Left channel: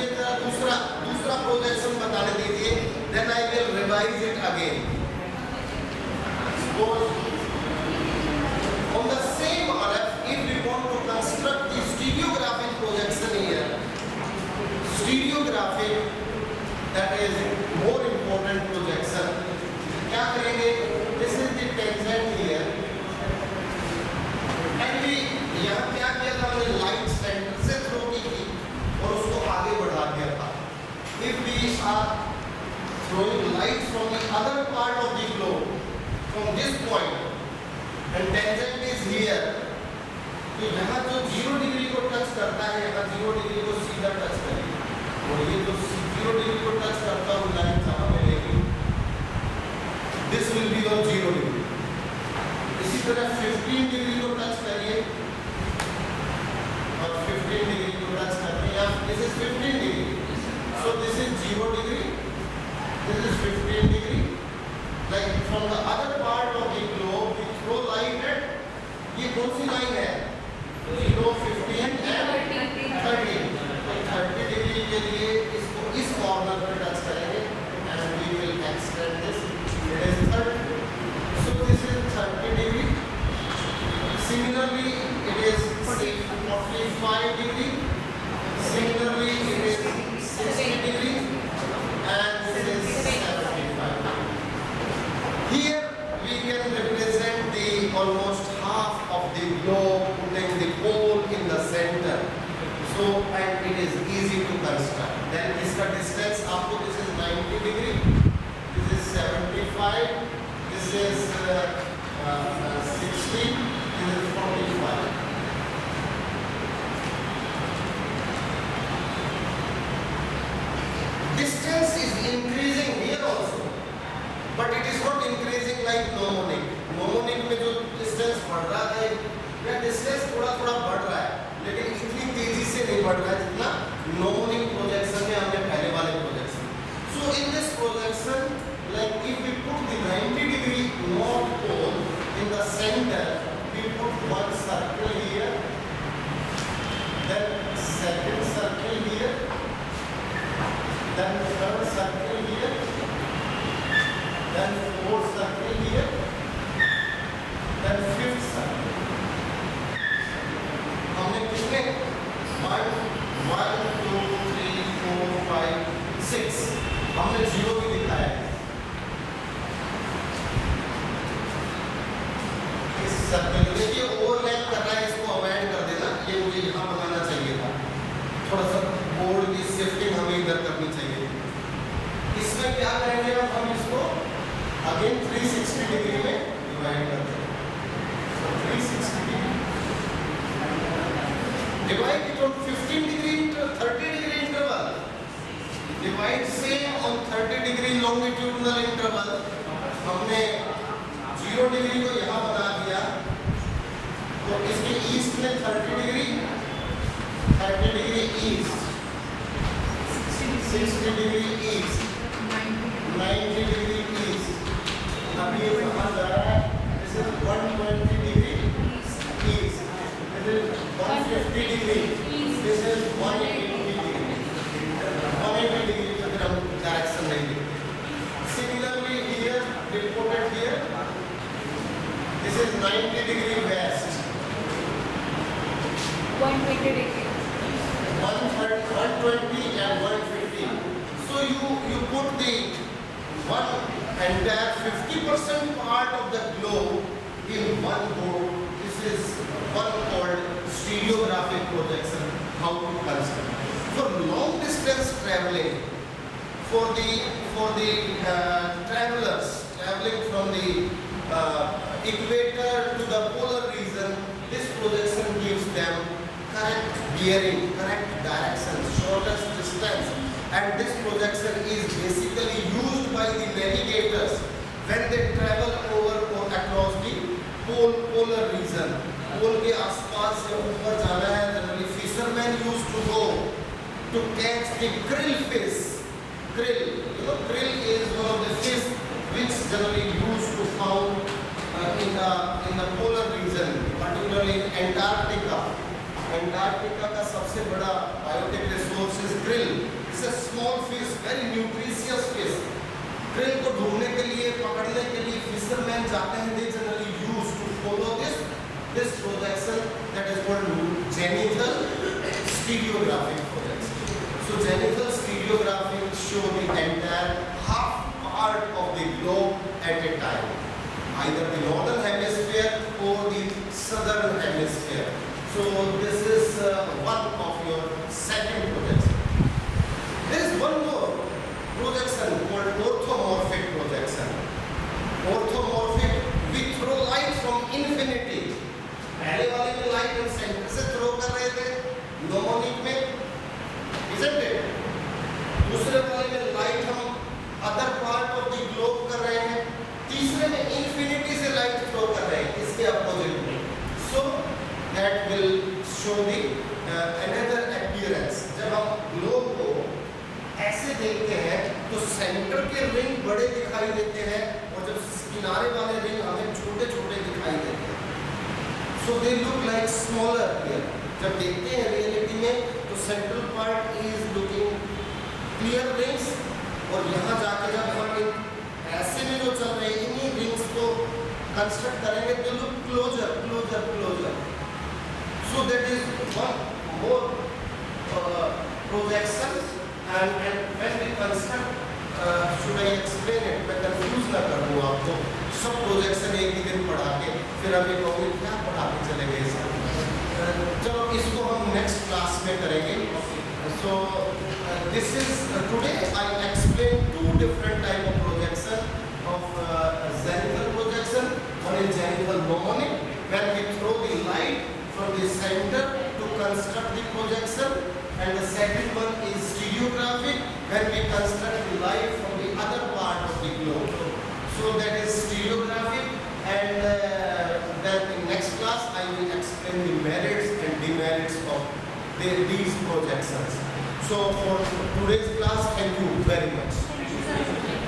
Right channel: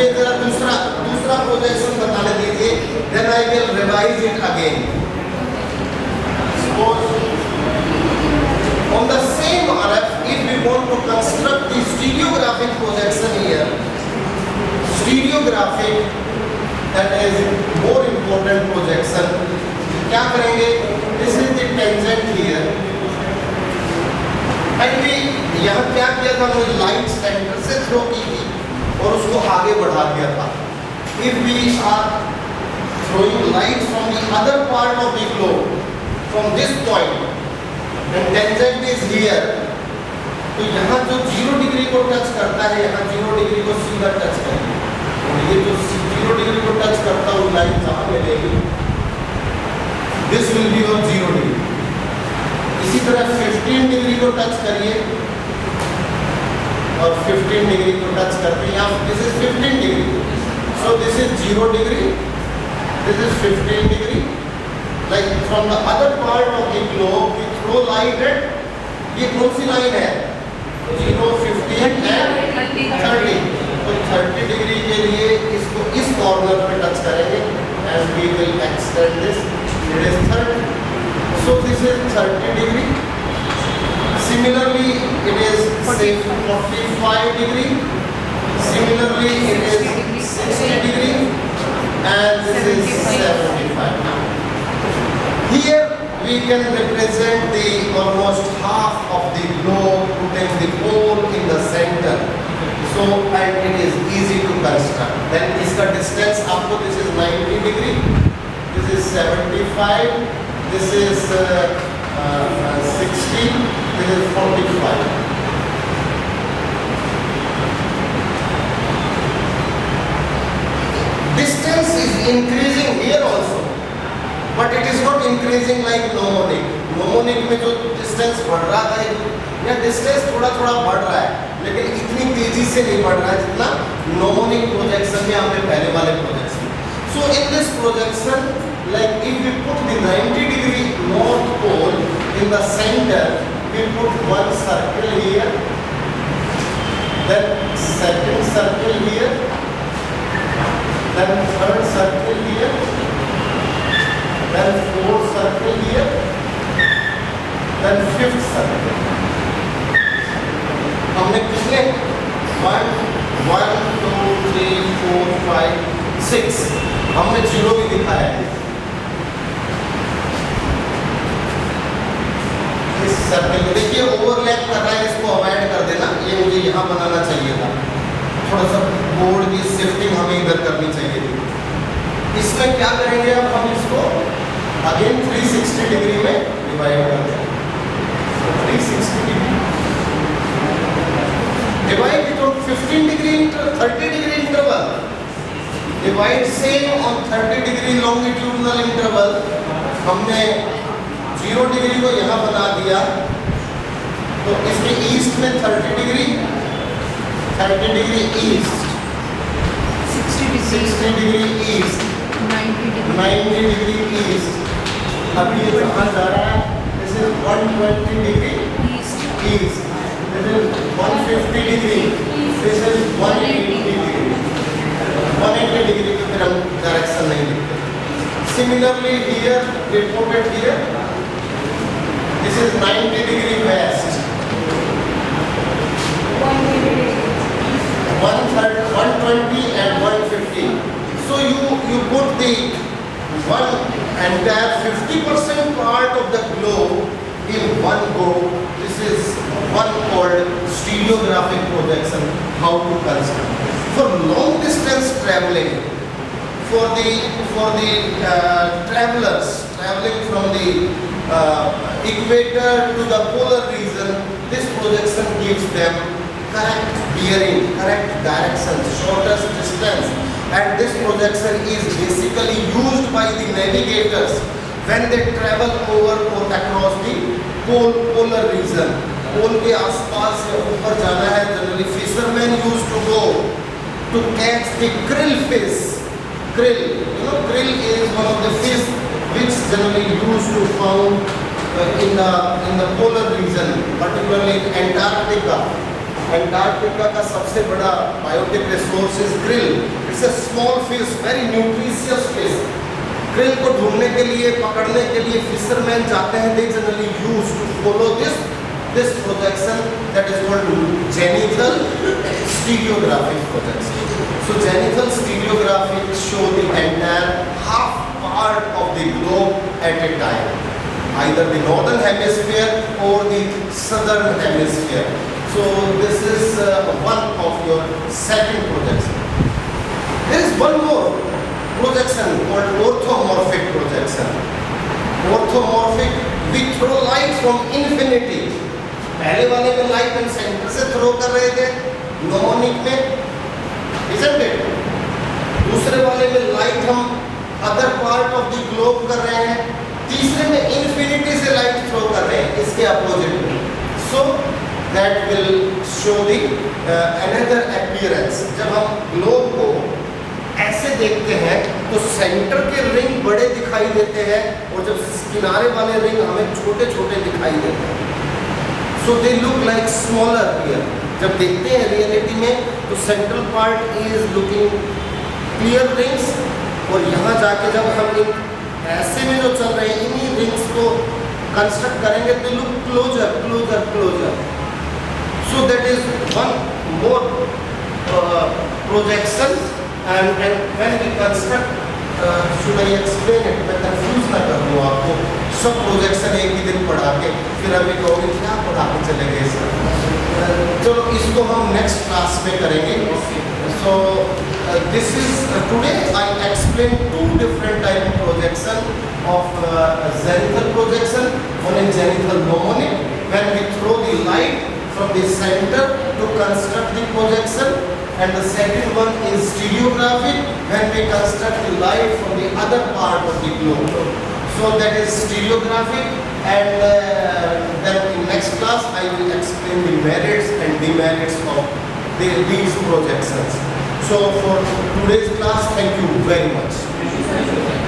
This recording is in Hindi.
मुझे जरा दूसरा प्रोजेक्शन बताने दीजिए, then I will revise it again. Suppose on the same RF, if we want to construct the stereographic projection here, stereographic, that is more important projection, क्या करेंगे? This is the tangent here, and we यहाँ क्या किया था? हमने लाइट सेंटर से थ्रो की थी और उसको आगे बढ़ा दिया था. If we are throwing light from the other part of the globe, from this point, and tangent is here, तो यहाँ जो 0 डिग्री को टच करता है, यहाँ 0 डिग्री को सीधा टच करेगा. ये जो 0 डिग्री को टच करता है वो लाइन कहाँ मिलेगी? This will be on 0 degree. इसी तरह 15 डिग्री को टच करिए और 15 डिग्री को टच करते हैं. यहाँ this is 15 degree, so this is 0 degree, this is 15 degree. Like from the other part of the globe, we throw light at, ये कौन सी लाइन है? 0, 15 and 30. तो 30 डिग्री के लिए इसको इस कॉर्नर पे टच करेंगे and we will extend this. It is 30. So this is 30 degree. Similarly, it is say 45 degree. Similarly, it is 60 degree, and this is 75. Here we can represent the almost half of the globe, putting the pole in the center. So, and it is easy to construct. Then इसका distance आपको, this is 90 degree, this is 75, this is 60, this is 45. Distance is increasing here also, but it is not increasing like mnemonic. Mnemonic में जो distance बढ़ रहा था, या distance थोड़ा बढ़ रहा है, लेकिन इतनी तेजी से नहीं बढ़ रहा है जितना mnemonic projection में हमने पहले वाले projection. So in this projection, like if we put the 90 degree north pole in the center, we put one circle here, then second circle here, then third circle here, then fourth circle here, then fifth circle. हमने कितने? 1, 2, 3, 4, 5, 6. हमने 0 भी दिखाया है. इस सर्कल को देखिए ओवरलैप कर रहा है, इसको अवॉइड कर देना. ये मुझे यहाँ बनाना चाहिए था. थोड़ा सा बोर्ड की शिफ्टिंग हमें इधर करनी चाहिए थी. इसमें क्या करेंगे अब हम इसको अगेन 360 डिग्री में डिवाइड कर देंगे. 360 degree divide it on 15 degree 30 degree interval. Divide same on 30 degree longitudinal interval. हमने 0 डिग्री को यहाँ बना दिया, तो इसके ईस्ट में 30 degree east, 60 degree east, 90 degree east. अब ये कहाँ जा रहा है? This is 120 degree east, this is 150 degree, this is 180 degree. 180 degree की फिर हम डायरेक्शन नहीं देखते. Similarly here, we put it here. This is 90 degree west. 120 and 150. So you put the one entire 50% part of the globe in one go. This is one called stereographic projection. How to construct for long distance traveling. For the travelers traveling from the equator to the polar region, this projection gives them correct bearing, correct direction, shortest distance, and this projection is basically used by the navigators when they travel over or across the polar region. पोल के आसपास से ऊपर जाना है, generally fishermen used to go to catch the krill fish. Krill, you know, krill is one of the fish which generally used to found in the polar region, particularly in Antarctica. Antarctica का सबसे बड़ा biotic resource is krill. It's a small fish, very nutritious fish. krill को ढूंढने के लिए, पकड़ने के लिए फिशरमैन जाते हैं. They generally use to follow this projection that is called zenithal stereographic projection. So zenithal stereographic show the entire half part of the globe at a time, either the northern hemisphere or the southern hemisphere. So this is one of your second projection. There is one more projection called orthomorphic projection. Orthomorphic, we throw light from infinity. पहले वाले में लाइट हम सेंटर से थ्रो कर रहे थे, नोमोनिक में, isn't it? दूसरे वाले में लाइट हम other part of the globe कर रहे हैं, तीसरे में इन्फिनिटी से लाइट थ्रो कर रहे हैं, इसके अपोजिट में. So that will show the another appearance. जब हम ग्लोब को ऐसे देखते हैं तो सेंटर के रिंग बड़े दिखाई देते हैं और जब किनारे वाले रिंग हमें छोटे छोटे दिखाई देते हैं. So they look like smaller here. जब देखते हैं रियलिटी में तो central part is looking clear rings, और यहाँ जाके जब हम इन ऐसे में जो चल रहे हैं इन्हीं रिंग्स को कंस्ट्रक्ट करेंगे तो look closer closer closer. So that is one more projection. And when we construct, should I explain it, मैं कंफ्यूज ना कर दूँ आपको. सब प्रोजेक्शन एक ही दिन पढ़ा के फिर हमें कहोगे क्या पढ़ा के चले गए सर. चलो इसको हम नेक्स्ट क्लास में करेंगे. So this is today I explain two different type of projection of zenithal projection. One is zenithal nomonic, when we throw the light from the center to construct the projection, and the second one is stereographic, when we construct the light from the other part of the globe. So that is stereographic, and then in next class I will explain the merits and demerits of these projections. So for today's class, thank you very much.